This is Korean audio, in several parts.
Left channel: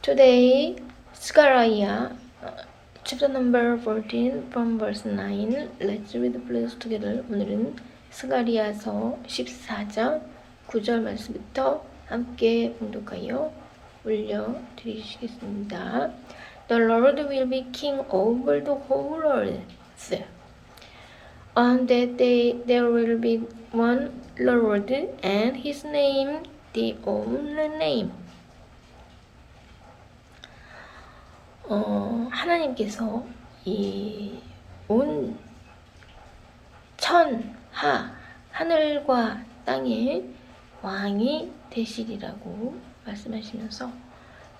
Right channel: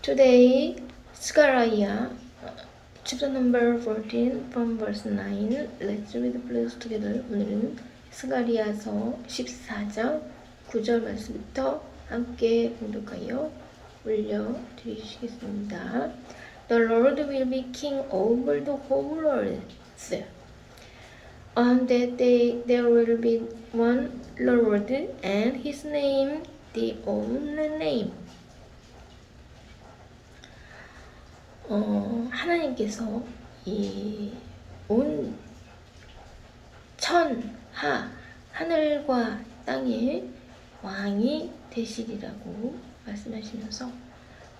Today, Zechariah, chapter number 14 from verse 9. Let's read please together. 오늘은 스가리야서 14장 9절 말씀부터 함께 공독하여 올려드리시겠습니다. The Lord will be king over the whole earth. On that day there will be one Lord, and his name the only name. 하나님께서 이 온 천하 하늘과 땅의 왕이 되시리라고 말씀하시면서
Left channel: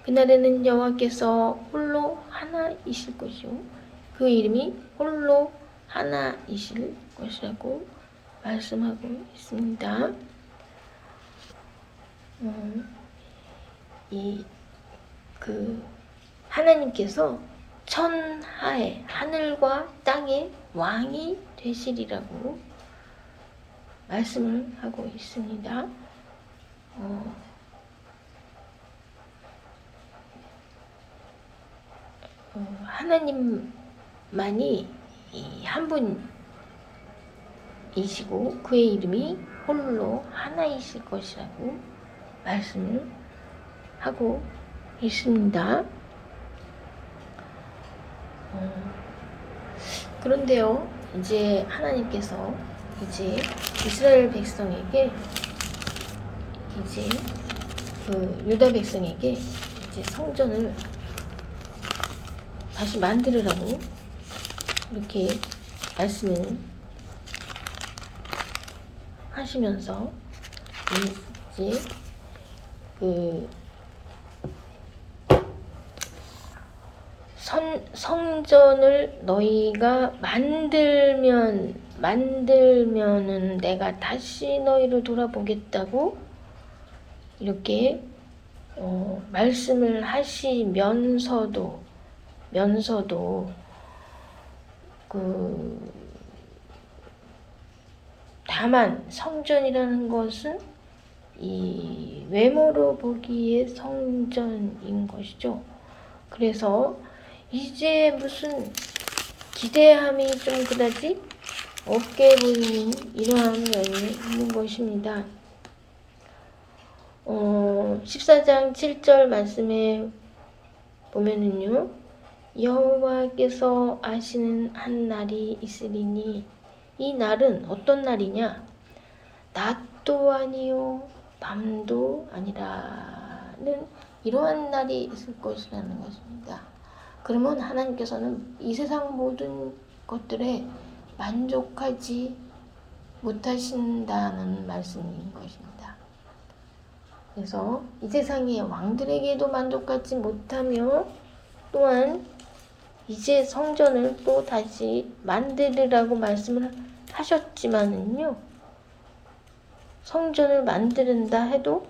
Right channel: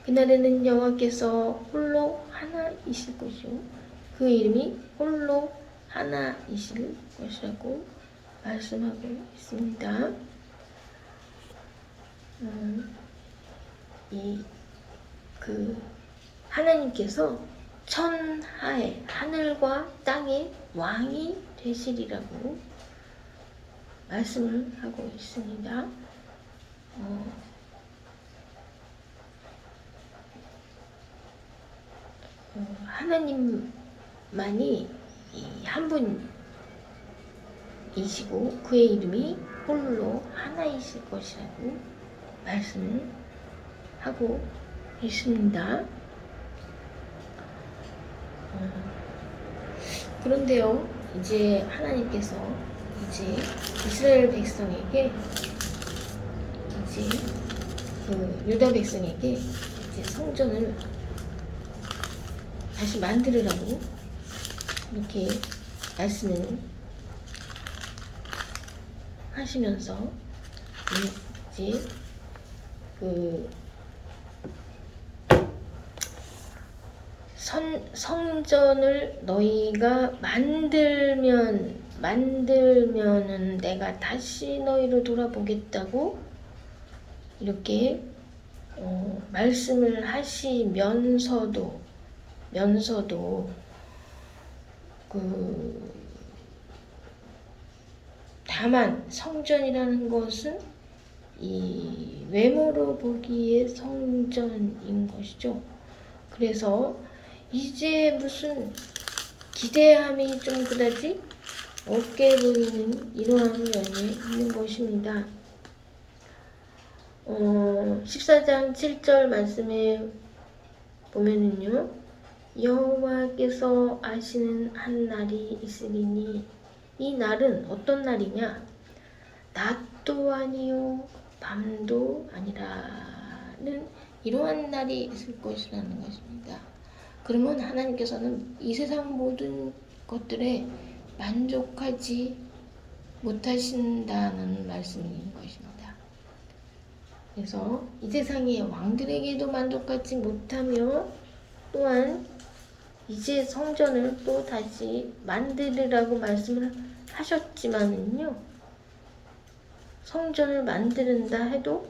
그날에는 여호와께서 홀로 하나이실 것이요 그 이름이 홀로 하나이실 것이라고 말씀하고 있습니다. 하나님께서 천하의 하늘과 땅의 왕이 되시리라고 말씀을 하고 있습니다. 하나님만이 한 분이시고 그의 이름이 홀로 하나이실 것이라고 말씀을 하고 있습니다. 그런데요, 이제 하나님께서 이제 이스라엘 백성에게 이제 유다 백성에게 이제 성전을 다시 만들으라고 이렇게 말씀을 하시면서 이제 성전을 너희가 만들면은 내가 다시 너희를 돌아보겠다고 이렇게 말씀을 하시면서도 다만 성전이라는 것은 이 외모로 보기에 성전인 것이죠. 그래서 이제 무슨 기대함이 좀 그다지 없게 보이는 이러한 면이 있는 것입니다. 14장 7절 말씀에 보면은요, 여호와께서 아시는 한 날이 있으리니 이 날은 어떤 날이냐? 낮도 아니요 밤도 아니라는 이러한 날이 있을 것이라는 것입니다. 그러면 하나님께서는 이 세상 모든 것들에 만족하지 못하신다는 말씀인 것입니다. 그래서 이 세상의 왕들에게도 만족하지 못하며 또한 이제 성전을 또 다시 만들으라고 말씀을 하셨지만은요, 성전을 만드는다 해도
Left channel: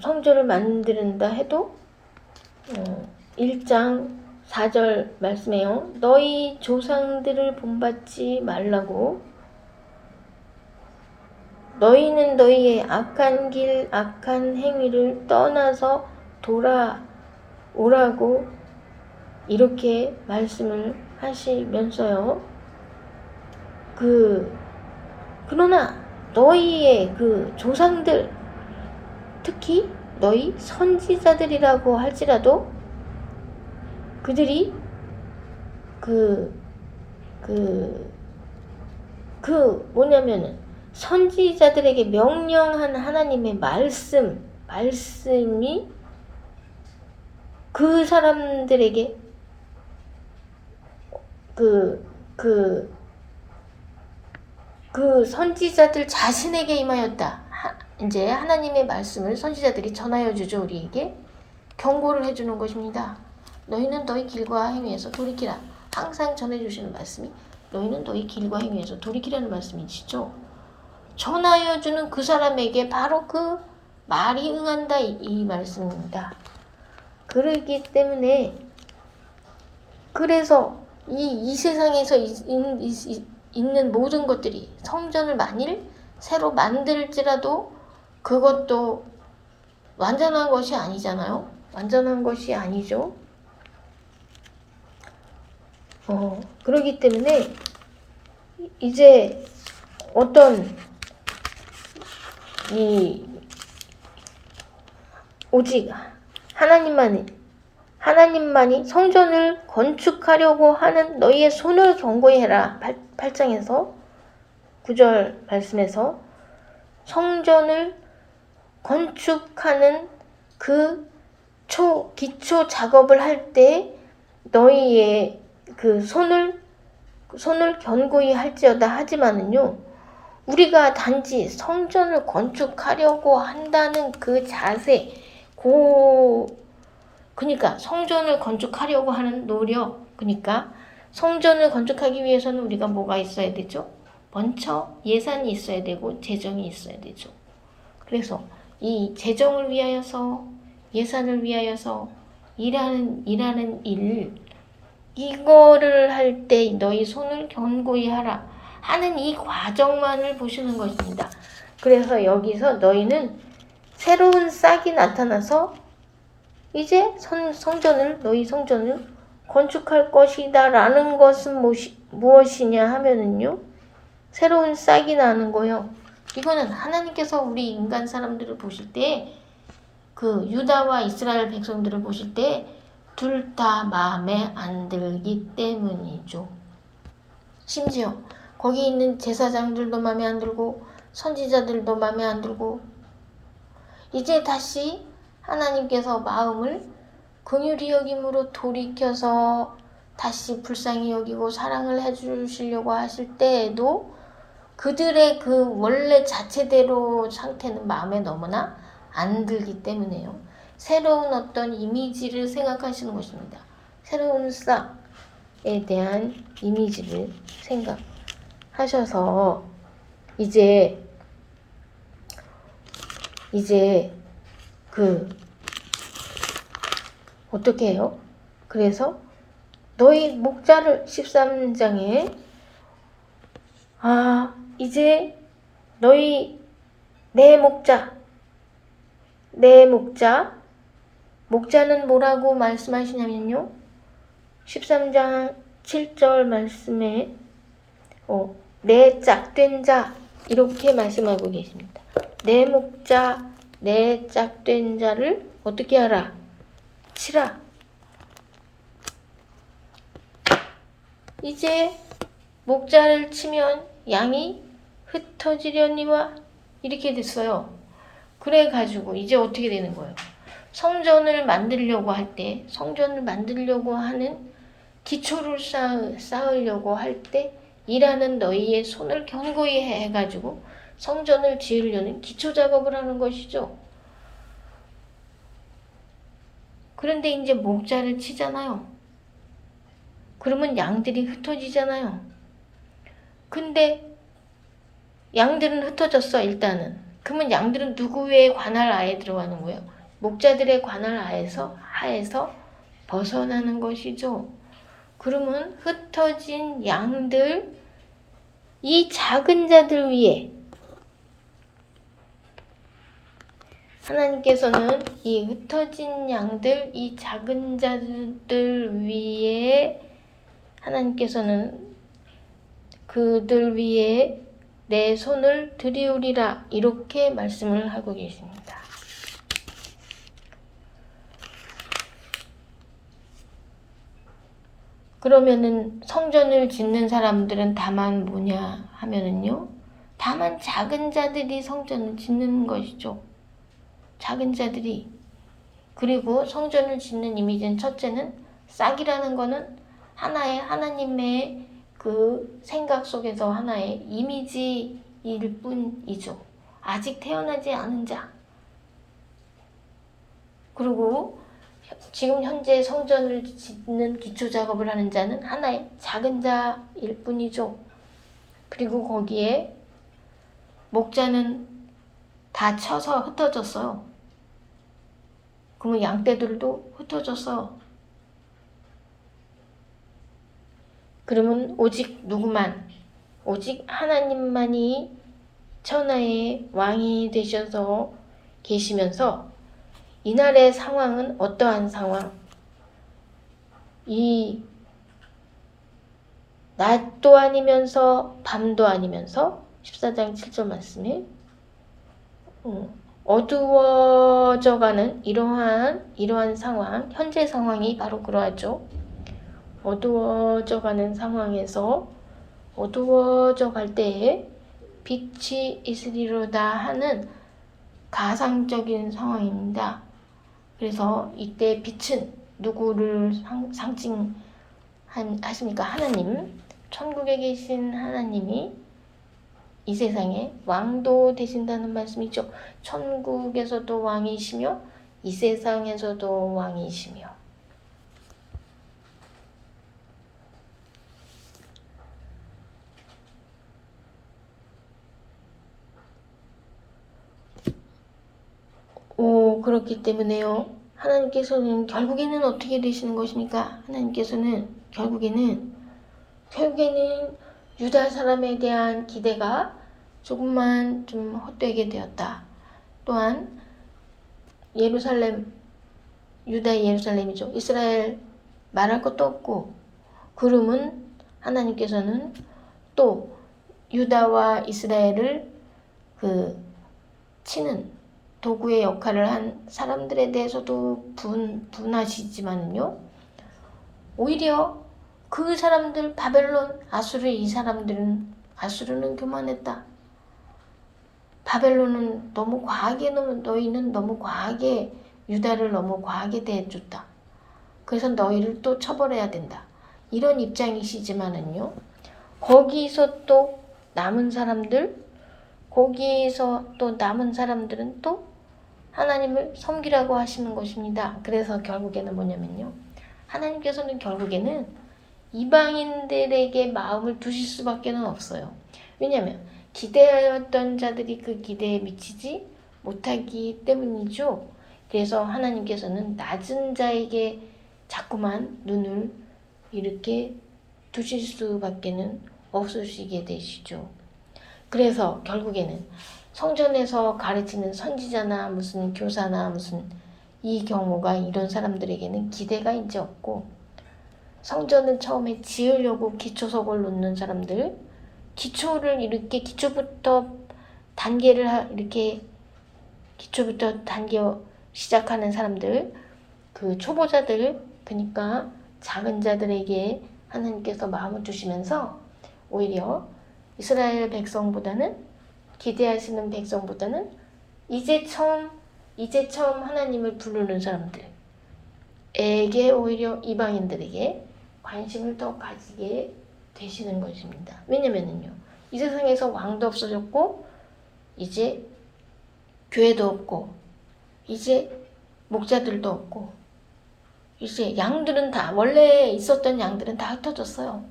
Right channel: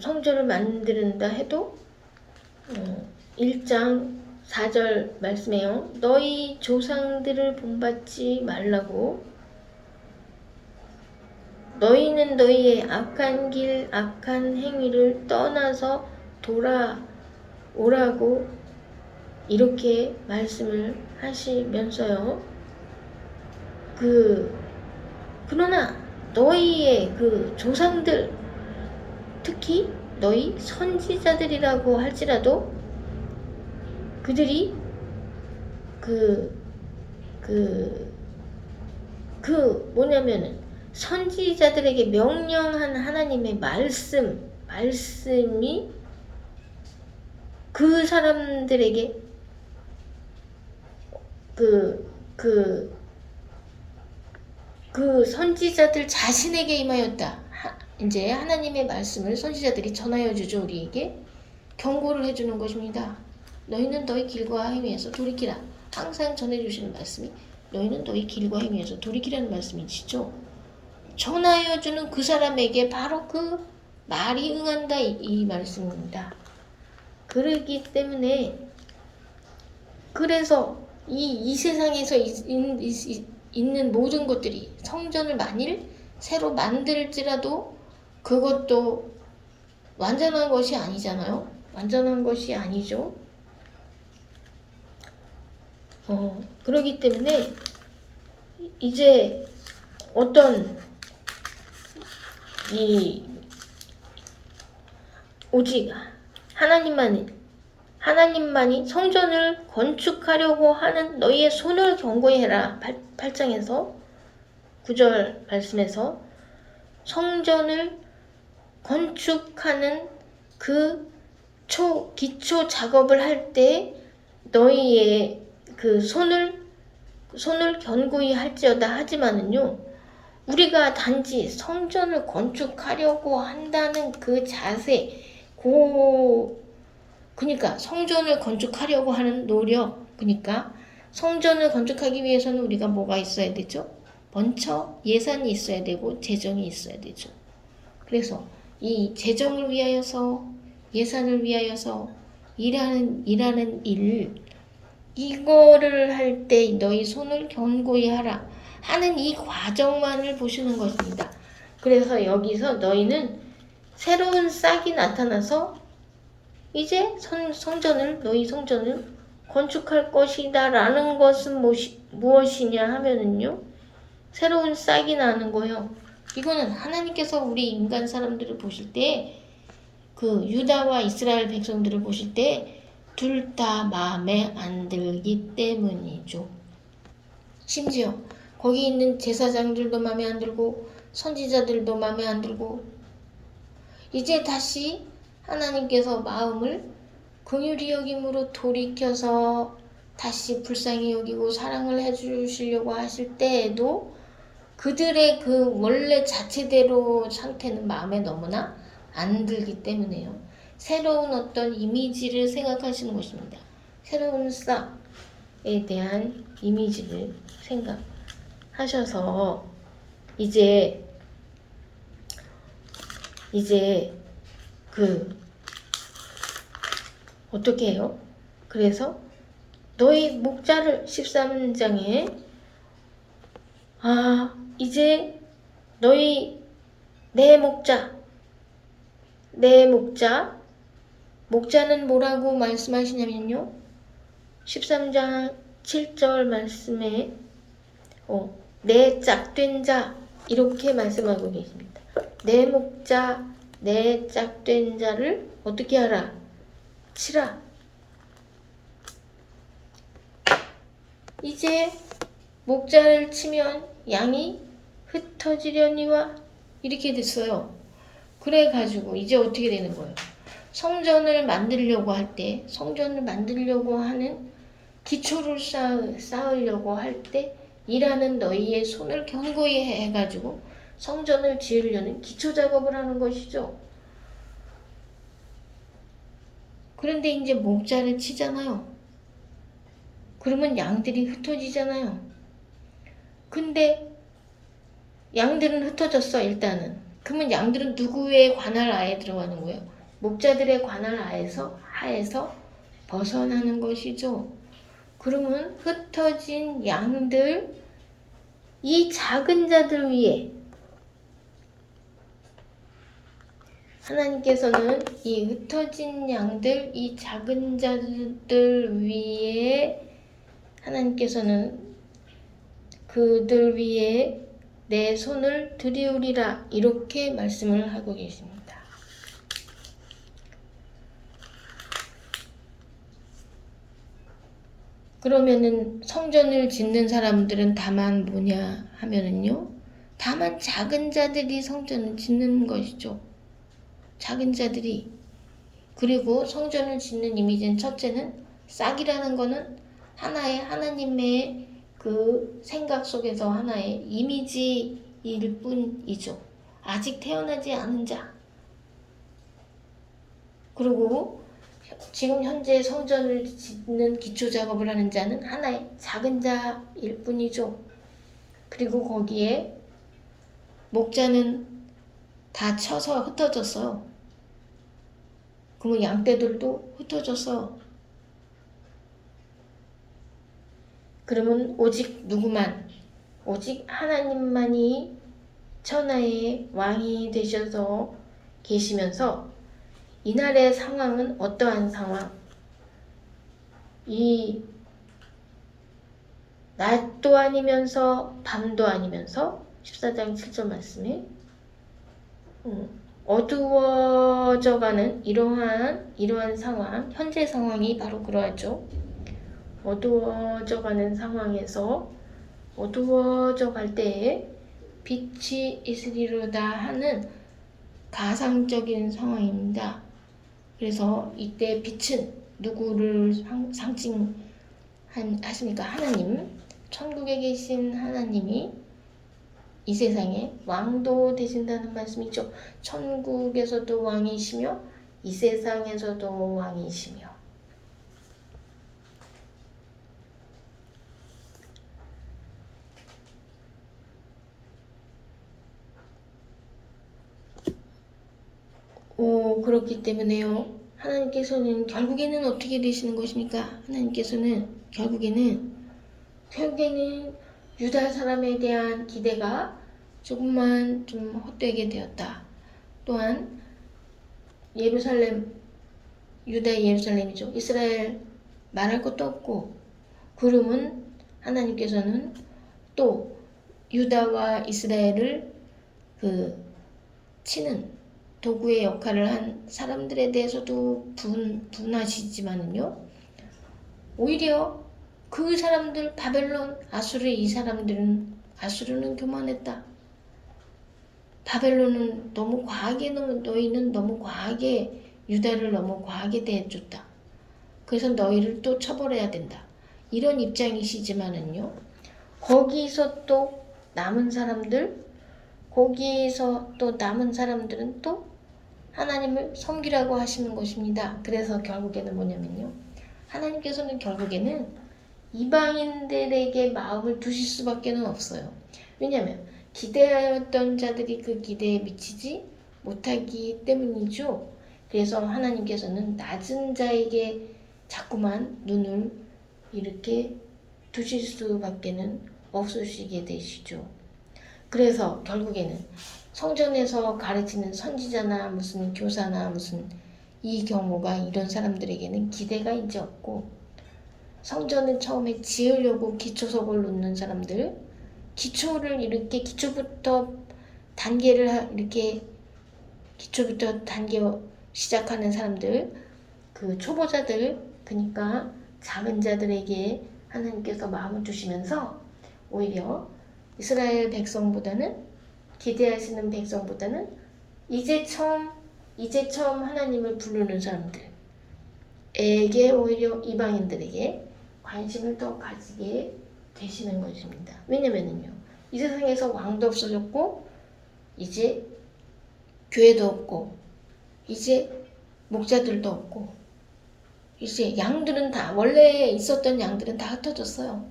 성전을 만드는다 해도 1장 4절 말씀에요. 너희 조상들을 본받지 말라고 너희는 너희의 악한 길, 악한 행위를 떠나서 돌아오라고 이렇게 말씀을 하시면서요. 그러나 너희의 조상들, 특히 너희 선지자들이라고 할지라도 그들이 뭐냐면은 선지자들에게 명령한 하나님의 말씀이 그 사람들에게 선지자들 자신에게 임하였다. 이제 하나님의 말씀을 선지자들이 전하여 주죠. 우리에게 경고를 해주는 것입니다. 너희는 너희 길과 행위에서 돌이키라. 항상 전해주시는 말씀이 너희는 너희 길과 행위에서 돌이키라는 말씀이시죠. 전하여 주는 그 사람에게 바로 그 말이 응한다 이 말씀입니다. 그러기 때문에 그래서 이 세상에서 있는 모든 것들이 성전을 만일 새로 만들지라도 그것도 완전한 것이 아니잖아요. 완전한 것이 아니죠. 그렇기 때문에 이제 어떤 오직 하나님만이 성전을 건축하려고 하는 너희의 손을 견고히 해라. 8장에서 9절 말씀에서 성전을 건축하는 그 기초 작업을 할 때 너희의 그 손을 견고히 할지어다 하지만은요, 우리가 단지 성전을 건축하려고 한다는 그 자세, 그러니까 성전을 건축하려고 하는 노력, 그러니까 성전을 건축하기 위해서는 우리가 뭐가 있어야 되죠? 먼저 예산이 있어야 되고 재정이 있어야 되죠. 그래서 이 재정을 위하여서, 예산을 위하여서 일하는 일, 이거를 할 때 너희 손을 견고히 하라 하는 이 과정만을 보시는 것입니다. 그래서 여기서 너희는 새로운 싹이 나타나서 이제 너희 성전을 건축할 것이다 라는 것은 무엇이냐 하면은요, 새로운 싹이 나는 거요. 이거는 하나님께서 우리 인간 사람들을 보실 때, 그 유다와 이스라엘 백성들을 보실 때 둘 다 마음에 안 들기 때문이죠. 심지어 거기 있는 제사장들도 마음에 안 들고 선지자들도 마음에 안 들고, 이제 다시 하나님께서 마음을 긍휼히 여김으로 돌이켜서 다시 불쌍히 여기고 사랑을 해주시려고 하실 때에도 그들의 그 원래 자체대로 상태는 마음에 너무나 안 들기 때문에요. 새로운 어떤 이미지를 생각하시는 것입니다. 새로운 싹에 대한 이미지를 생각하셔서 이제 어떻게 해요? 그래서 너희 목자를 13장에 이제 너희 내 목자는 뭐라고 말씀하시냐면요, 13장 7절 말씀에 내 짝된 자 이렇게 말씀하고 계십니다. 내 목자, 내 짝된 자를 어떻게 하라? 치라. 이제 목자를 치면 양이 흩어지려니와 이렇게 됐어요. 그래가지고 이제 어떻게 되는 거예요? 성전을 만들려고 하는 기초를 쌓으려고 할 때 일하는 너희의 손을 견고히 해가지고 성전을 지으려는 기초 작업을 하는 것이죠. 그런데 이제 목자를 치잖아요. 그러면 양들이 흩어지잖아요. 근데 양들은 흩어졌어, 일단은. 그러면 양들은 누구의 관할 하에 들어가는 거예요? 목자들의 관할 하에서 벗어나는 것이죠. 그러면 흩어진 양들, 이 작은 자들 위에 하나님께서는 이 흩어진 양들, 이 작은 자들 위에 하나님께서는 그들 위에 내 손을 들이우리라 이렇게 말씀을 하고 계십니다. 그러면은 성전을 짓는 사람들은 다만 뭐냐 하면은요, 다만 작은 자들이 성전을 짓는 것이죠. 작은 자들이. 그리고 성전을 짓는 이미지는 첫째는 싹이라는 거는 하나님의 그 생각 속에서 하나의 이미지일 뿐이죠. 아직 태어나지 않은 자. 그리고 지금 현재 성전을 짓는 기초 작업을 하는 자는 하나의 작은 자일 뿐이죠. 그리고 거기에 목자는 다 쳐서 흩어졌어요. 그러면 양떼들도 흩어졌어요. 그러면 오직 하나님만이 천하의 왕이 되셔서 계시면서 이날의 상황은 어떠한 상황? 이 낮도 아니면서 밤도 아니면서 14장 7절 말씀에 어두워져가는 이러한 상황, 현재 상황이 바로 그러하죠. 어두워져가는 상황에서 어두워져 갈 때에 빛이 있으리로다 하는 가상적인 상황입니다. 그래서 이때 빛은 누구를 상징하십니까? 하나님, 천국에 계신 하나님이 이 세상에 왕도 되신다는 말씀이죠. 천국에서도 왕이시며 이 세상에서도 왕이시며. 그렇기 때문에요. 하나님께서는 결국에는 어떻게 되시는 것입니까? 하나님께서는 결국에는 유다 사람에 대한 기대가 조금만 좀 헛되게 되었다. 또한 예루살렘, 유다의 예루살렘이죠. 이스라엘 말할 것도 없고, 그러면 하나님께서는 또 유다와 이스라엘을 치는 도구의 역할을 한 사람들에 대해서도 분하시지만요. 오히려 그 사람들 바벨론, 아수르는 교만했다. 바벨론은 너희는 너무 과하게 유다를 너무 과하게 대해줬다. 그래서 너희를 또 처벌해야 된다. 이런 입장이시지만은요. 거기서 또 남은 사람들은 또 하나님을 섬기라고 하시는 것입니다. 그래서 결국에는 뭐냐면요. 하나님께서는 결국에는 이방인들에게 마음을 두실 수밖에 없어요. 왜냐하면 기대하였던 자들이 그 기대에 미치지 못하기 때문이죠. 그래서 하나님께서는 낮은 자에게 자꾸만 눈을 이렇게 두실 수밖에 없으시게 되시죠. 그래서 결국에는 성전에서 가르치는 선지자나 무슨 교사나 무슨 이 경우가 이런 사람들에게는 기대가 이제 없고, 성전은 처음에 지으려고 기초석을 놓는 사람들, 기초를 이렇게 기초부터 단계 시작하는 사람들, 그 초보자들, 그러니까 작은 자들에게 하나님께서 마음을 주시면서 오히려 이스라엘 백성보다는 기대하시는 백성보다는 이제 처음 하나님을 부르는 사람들에게 오히려 이방인들에게 관심을 더 가지게 되시는 것입니다. 왜냐면은요, 이 세상에서 왕도 없어졌고 이제 교회도 없고 이제 목자들도 없고 이제 양들은 다 원래 있었던 양들은 다 흩어졌어요.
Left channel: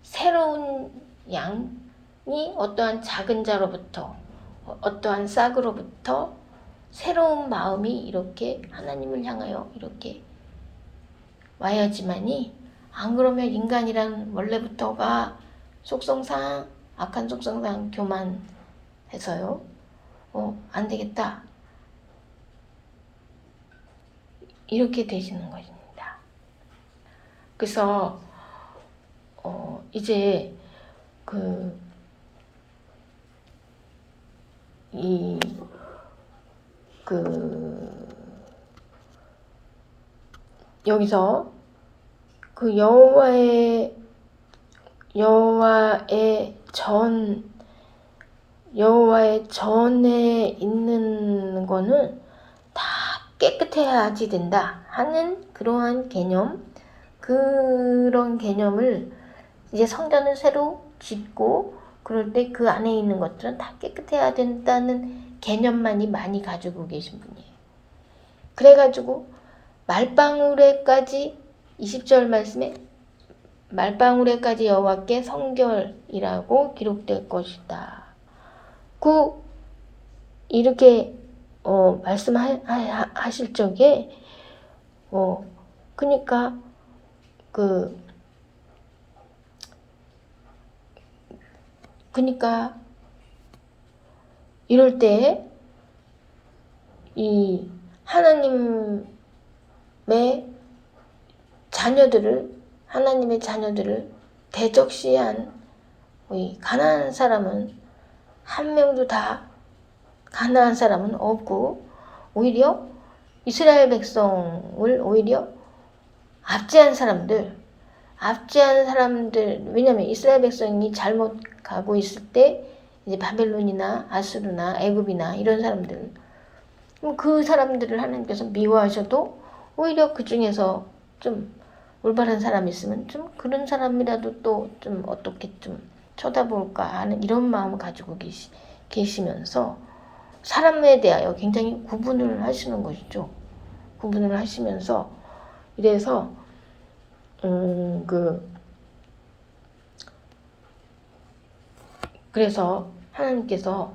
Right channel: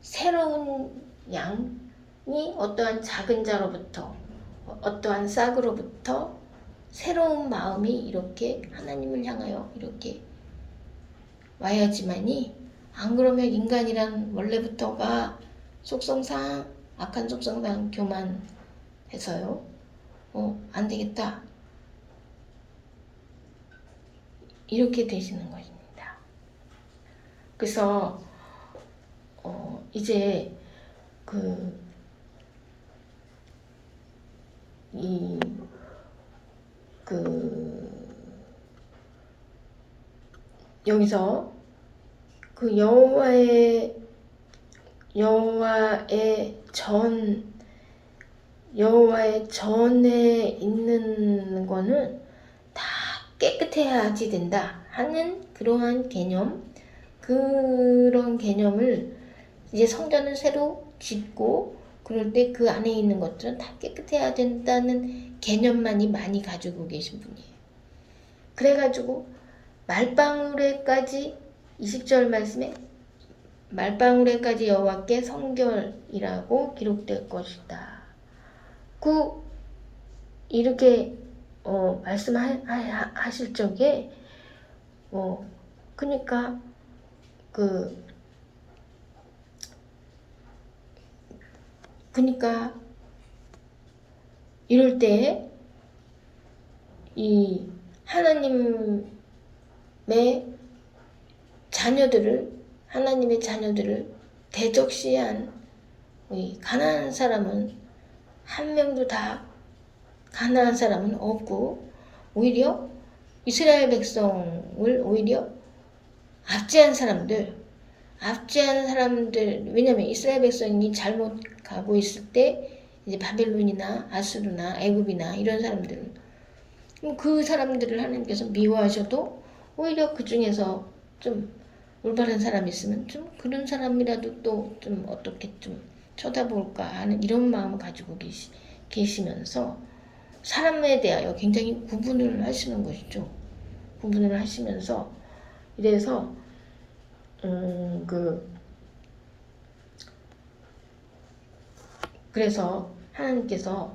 새로운 양이 어떠한 작은 자로부터 어떠한 싹으로부터 새로운 마음이 이렇게 하나님을 향하여 이렇게 와야지만이, 안 그러면 인간이란 원래부터가 속성상 악한 속성상 교만해서요. 안 되겠다. 이렇게 되시는 것입니다. 그래서 이제 여기서 그 여호와의 전에 있는 거는 다 깨끗해야지 된다 하는 그러한 그런 개념을 이제 성전을 새로 짓고 그럴 때 그 안에 있는 것들은 다 깨끗해야 된다는 개념만이 많이 가지고 계신 분이에요. 그래가지고 말방울에까지 20절 말씀에 말방울에까지 여호와께 성결이라고 기록될 것이다. 이렇게 말씀하실 적에 그러니까 이럴 때 이 하나님의 자녀들을 대적시한 이 가난한 사람은 한 명도 다 가난한 사람은 없고, 오히려 이스라엘 백성을 오히려 압제한 사람들, 왜냐면 이스라엘 백성이 잘못 가고 있을 때 이제 바벨론이나 아수르나 애굽이나 이런 사람들, 그 사람들을 하나님께서 미워하셔도 오히려 그 중에서 좀 올바른 사람이 있으면 좀 그런 사람이라도 또 좀 어떻게 좀 쳐다볼까 하는 이런 마음을 가지고 계시면서 사람에 대하여 굉장히 구분을 하시는 것이죠. 구분을 하시면서 이래서 그래서 하나님께서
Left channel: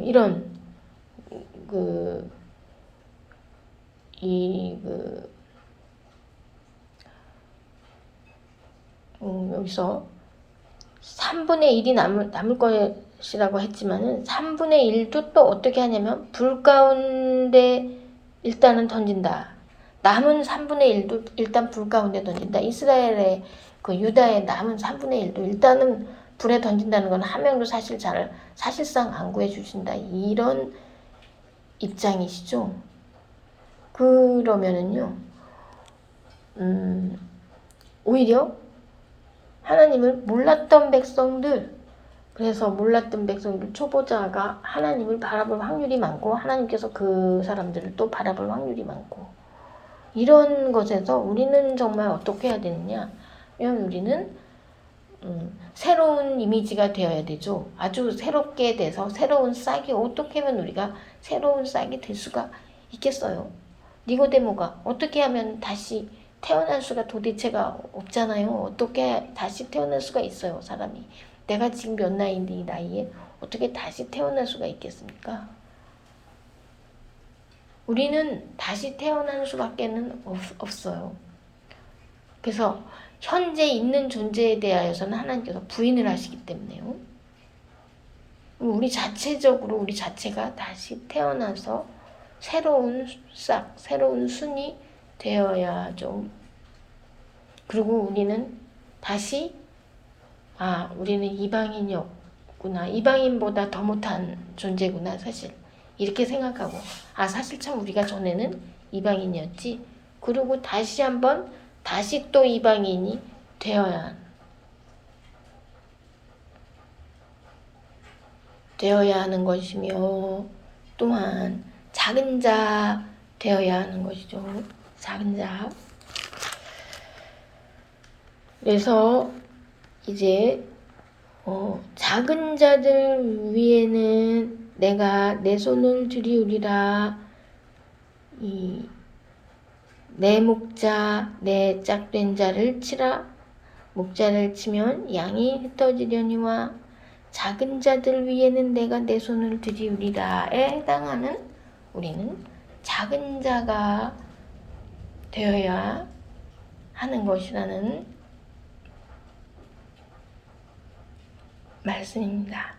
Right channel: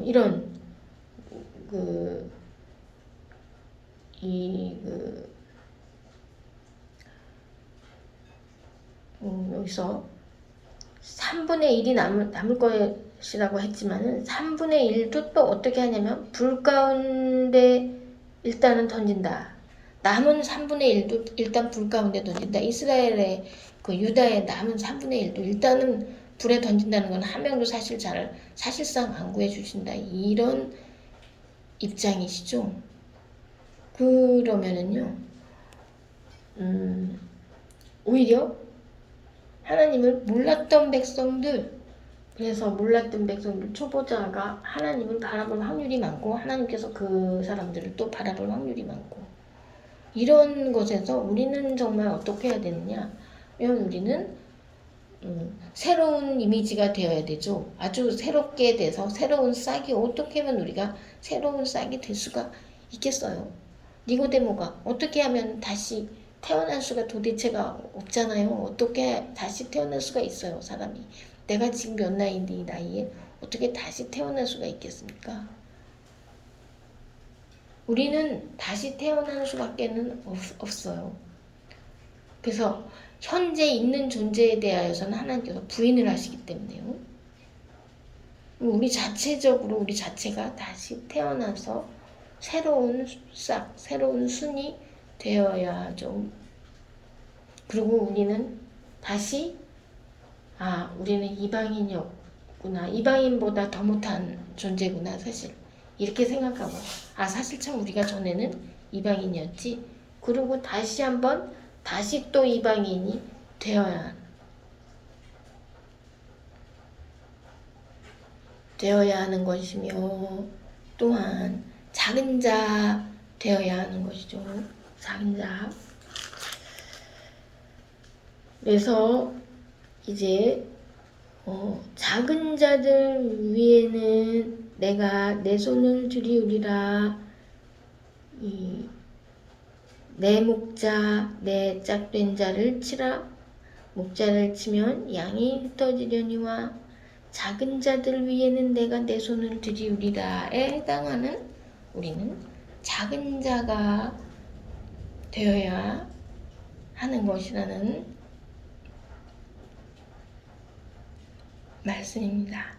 이런 여기서 3분의 1이 남을 것이라고 했지만은 3분의 1도 또 어떻게 하냐면 불 가운데 일단은 던진다. 남은 3분의 1도 일단 불 가운데 던진다. 이스라엘의 유다의 남은 3분의 1도 일단은 불에 던진다는 건 한 명도 사실상 안 구해주신다. 이런 입장이시죠. 그러면은요, 오히려 하나님을 몰랐던 백성들, 그래서 몰랐던 백성들, 초보자가 하나님을 바라볼 확률이 많고 하나님께서 그 사람들을 또 바라볼 확률이 많고, 이런 것에서 우리는 정말 어떻게 해야 되느냐. 왜냐면 우리는 새로운 이미지가 되어야 되죠. 아주 새롭게 돼서 새로운 싹이, 어떻게 하면 우리가 새로운 싹이 될 수가 있겠어요. 니고데모가 어떻게 하면 다시 태어날 수가 도대체가 없잖아요. 어떻게 다시 태어날 수가 있어요, 사람이. 내가 지금 몇 나이인데 이 나이에 어떻게 다시 태어날 수가 있겠습니까? 우리는 다시 태어날 수밖에는 없어요. 그래서 현재 있는 존재에 대하여서는 하나님께서 부인을 하시기 때문에요. 우리 자체가 다시 태어나서 새로운 싹, 새로운 순이 되어야죠. 그리고 우리는 다시 우리는 이방인이었구나, 이방인보다 더 못한 존재구나, 사실 이렇게 생각하고, 사실 참 우리가 전에는 이방인이었지. 그리고 다시 또 이방인이 되어야 하는 것이며, 또한 작은 자 되어야 하는 것이죠. 작은 자. 그래서 이제 작은 자들 위에는 내가 내 손을 들이우리라. 내 목자, 내 짝된 자를 치라. 목자를 치면 양이 흩어지려니와 작은 자들 위에는 내가 내 손을 들이우리라에 해당하는 우리는 작은 자가 되어야 하는 것이라는 말씀입니다.